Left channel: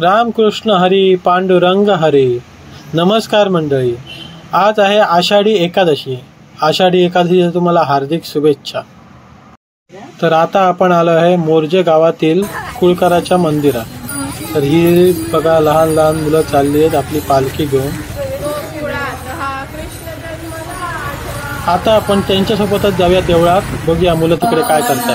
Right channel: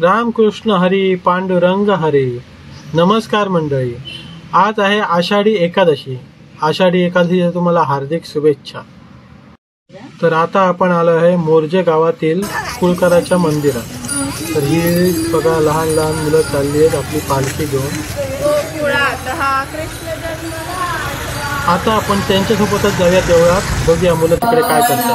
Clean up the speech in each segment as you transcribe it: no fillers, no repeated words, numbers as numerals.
रामकृष्ण हरी पांडुरंग हरी. नमस्कार मंडळी, आज आहे आषाढी एकादशी. आषाढी एकादशीच्या तुम्हाला हार्दिक शुभेच्छा. तर आता आपण आलो आहे मोर्जे गावातील कुळकराच्या मंदिरात. तर ही बघा लहान लहान मुलं चालली आहेत आपली पालखी घेऊन. आता आपण त्यांच्यासोबतच जाऊया देवळात, बघूया मुलं तिकडे काय करतात.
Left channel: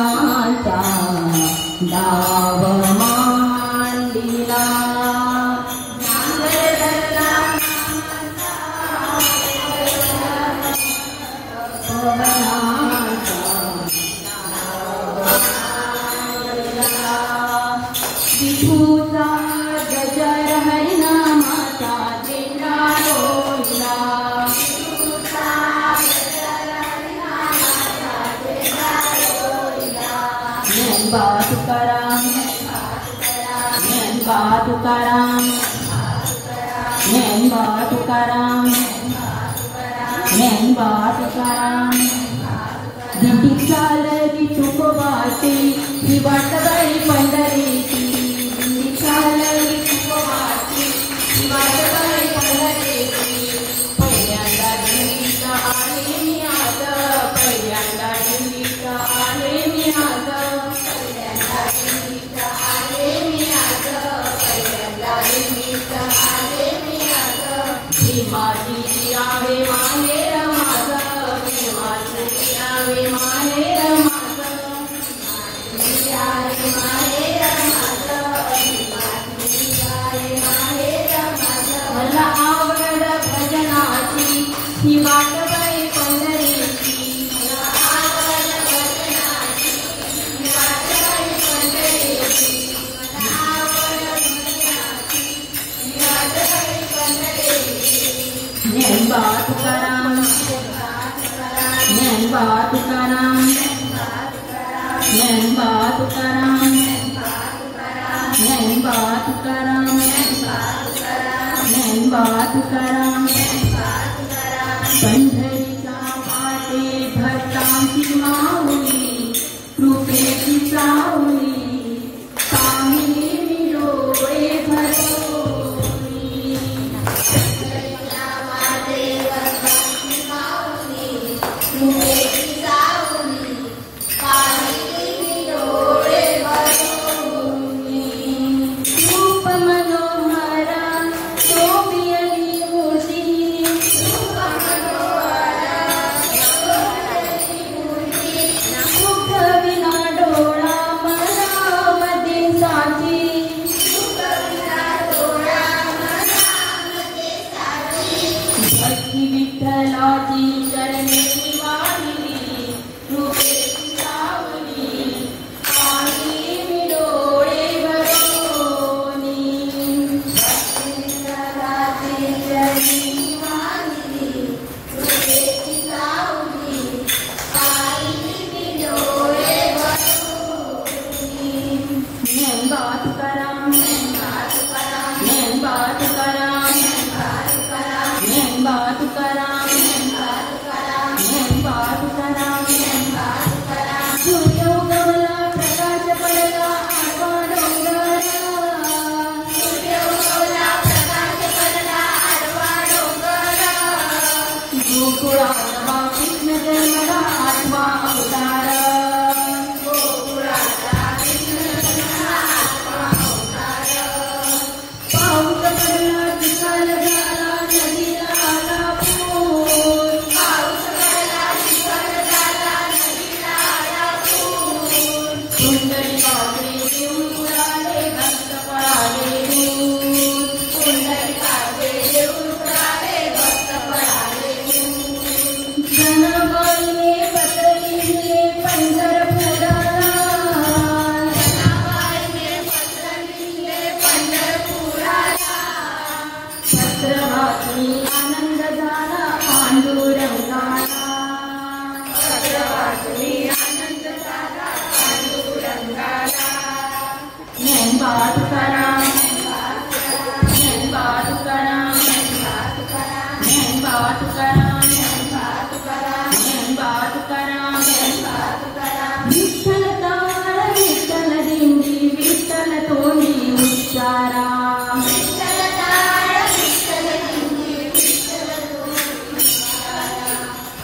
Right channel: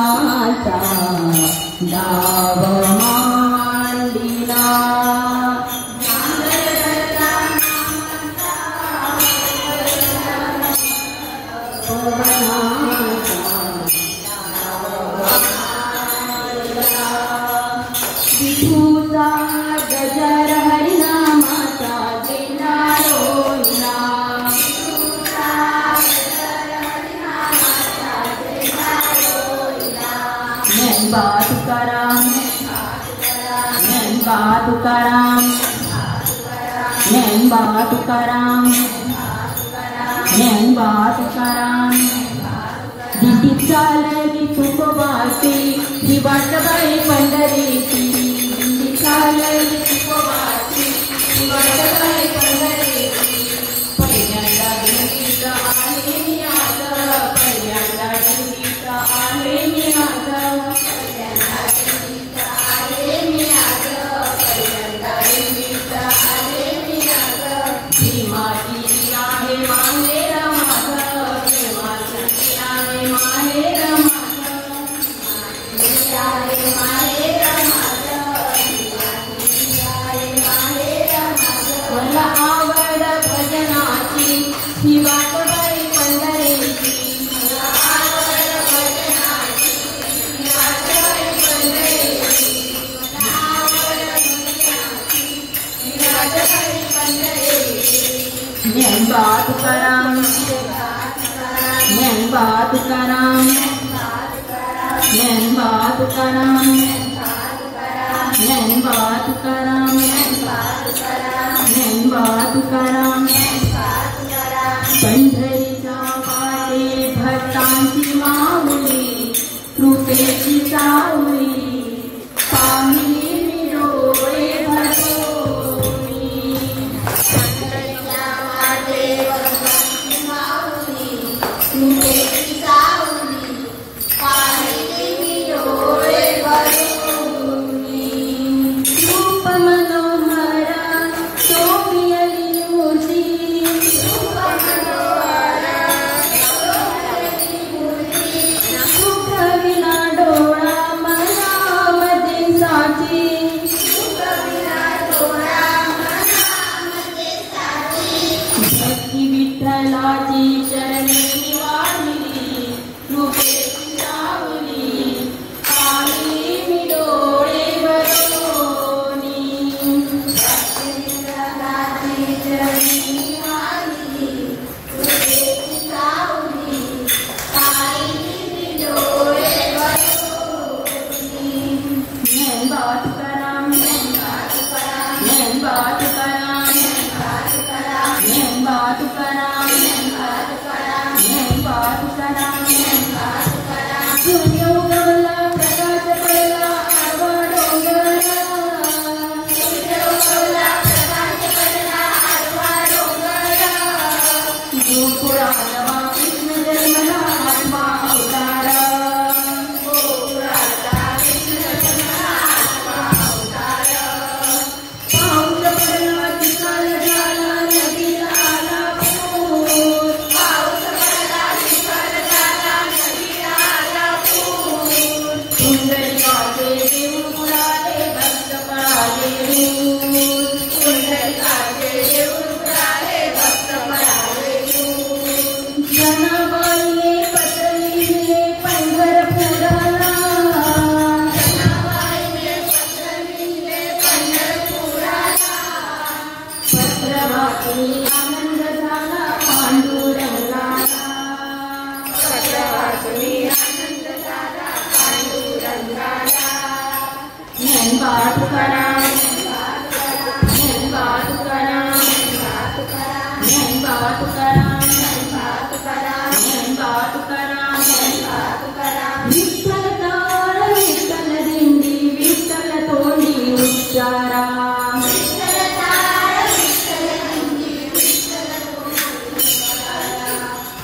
विठ्ठल तोंडी विठ्ठल उच्चारा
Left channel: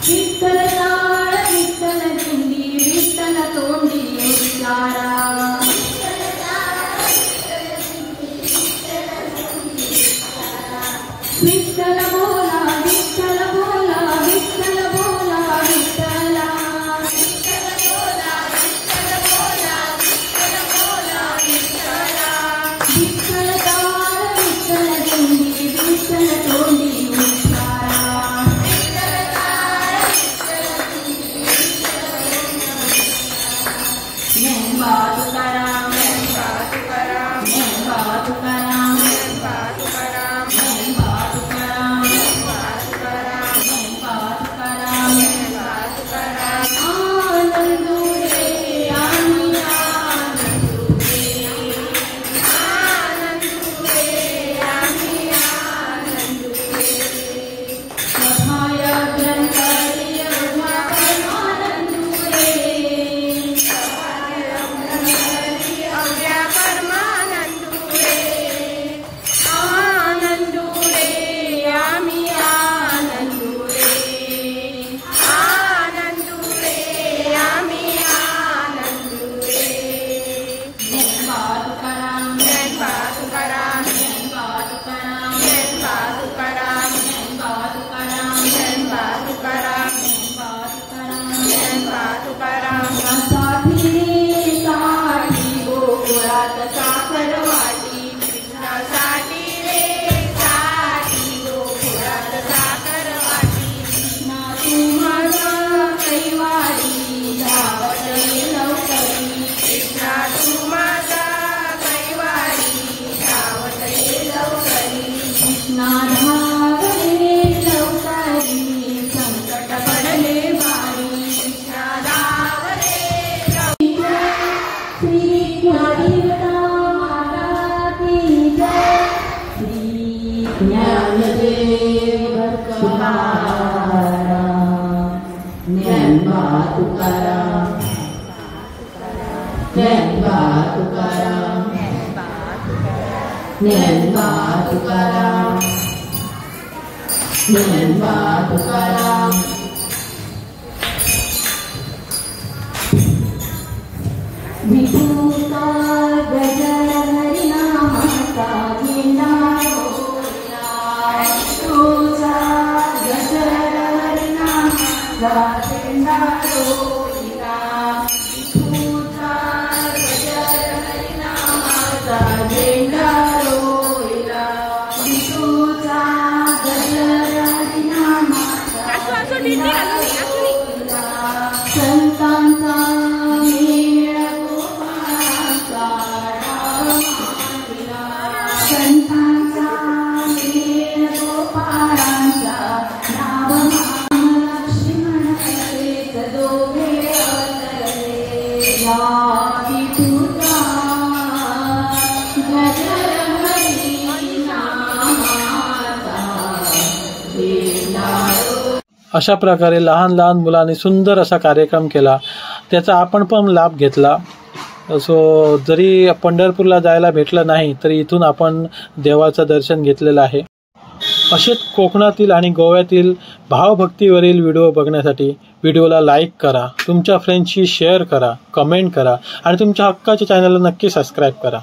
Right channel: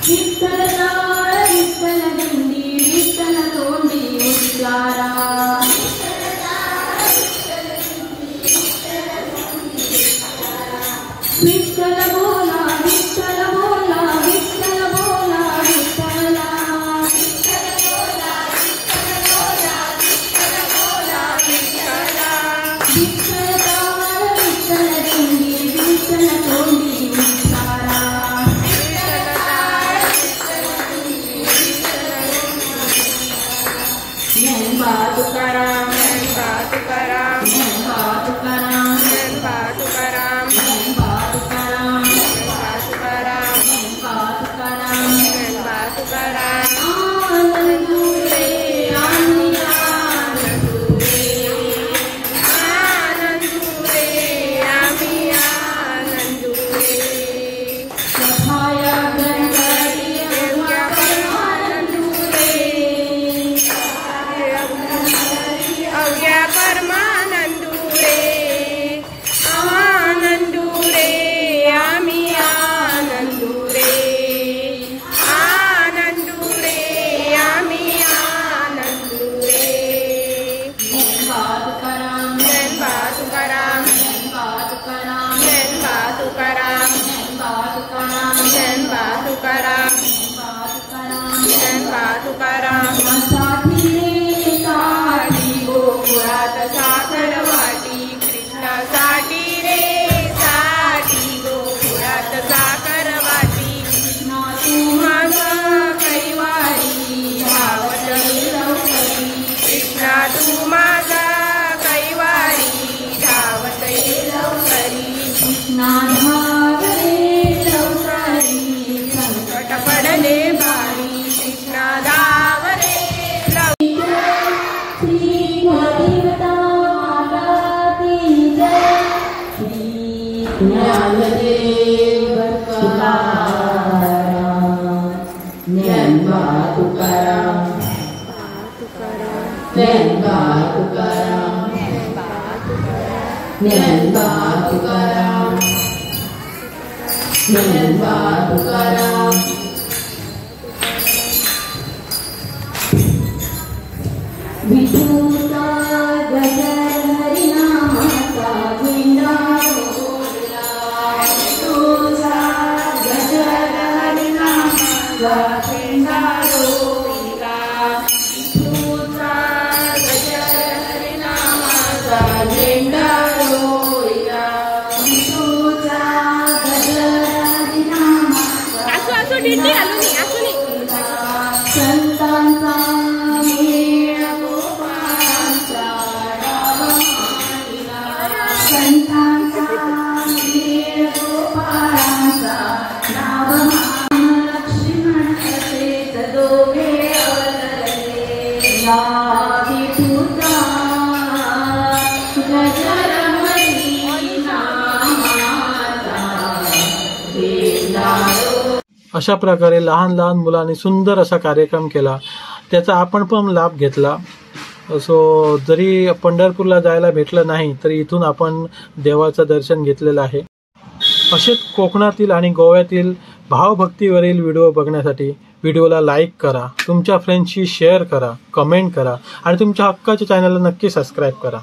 विठ्ठल टाळ विठ्ठल दिंडी विठ्ठल तोंडी उच्चारा विठ्ठल बोला विठ्ठल बोला विठ्ठल बोला विठ्ठला विठ्ठल टाळ विठ्ठल दिंडी विठ्ठल तोंडी उच्चारा ज्ञानोबा तुकाराम ज्ञानोबा तुकाराम ज्ञानोबा तुकाराम ज्ञानोबा तुकाराम ज्ञानोबा तुकाराम ज्ञानोबा तुकाराम ज्ञानोबा तुकाराम ज्ञानोबा तुकाराम आनंदू रे आम्ही आनंदू रे आम्ही आनंदू रे सहाया गणपती अवघ्या परमानंदू रे अवघ्या परमानंदू रे आनंदू रे आम्ही आनंदू रे आनंदू रे आम्ही आनंदू रे ज्ञानोबा तुकाराम ज्ञानोबा तुकाराम ज्ञानोबा तुकाराम ज्ञानोबा तुकाराम ज्ञानोबा तुकाराम ज्ञानोबा तुकाराम ज्ञानोबा तुकाराम साठी गोकुळात साखर वाटी कृष्णासाठी रे साठी गोकुळात साखर वाटी कृष्णा तू माझा कैवारी धावत लवकरी कृष्णा तू माझा कैवारी धावत लवकरी कृष्णा धाव रे लवकरी संकट पडले भारी कृष्णा धाव रे श्री गुरुदेवता माता की जय श्री ज्ञानदेव तुकाराम ज्ञानोबा तुकाराम ज्ञानोबा तुकाराम ज्ञानोबा तुकाराम ज्ञानोबा तुकाराम विठूचा गजर हरिनामाचा झेंडा रोविला विठूचा गजर हरिनामाचा झेंडा रोविला विठूचा गजर हरिनामाचा झेंडा रोविला विठूचा गजर हरिनामाचा झेंडा रोविला संतांचा संतांचा वीर गोपाळांचा नाव लक्ष्मण असेत दोघे अवतरले या विठूचा गजर हरिनामाचा झेंडा. अशा प्रकारे लहान लहान मुलांनी सुंदर असा कार्यक्रम केला, त्याचा आपण पण लाभ घेतला. जरी पंढरपूरला जायला भेटलं नाही तरी इथून आपण देवाचं दर्शन घेतलेलं आहे. असेच कोकणातील आणि गोव्यातील भावभक्तीवरील व्हिडिओ बघण्यासाठी व्हिडिओला लाईक करा, तुमच्या फ्रेंड्सशी शेअर करा, कमेंट करा आणि तुमच्या हक्काच्या चॅनलला नक्की सबस्क्राईब करा.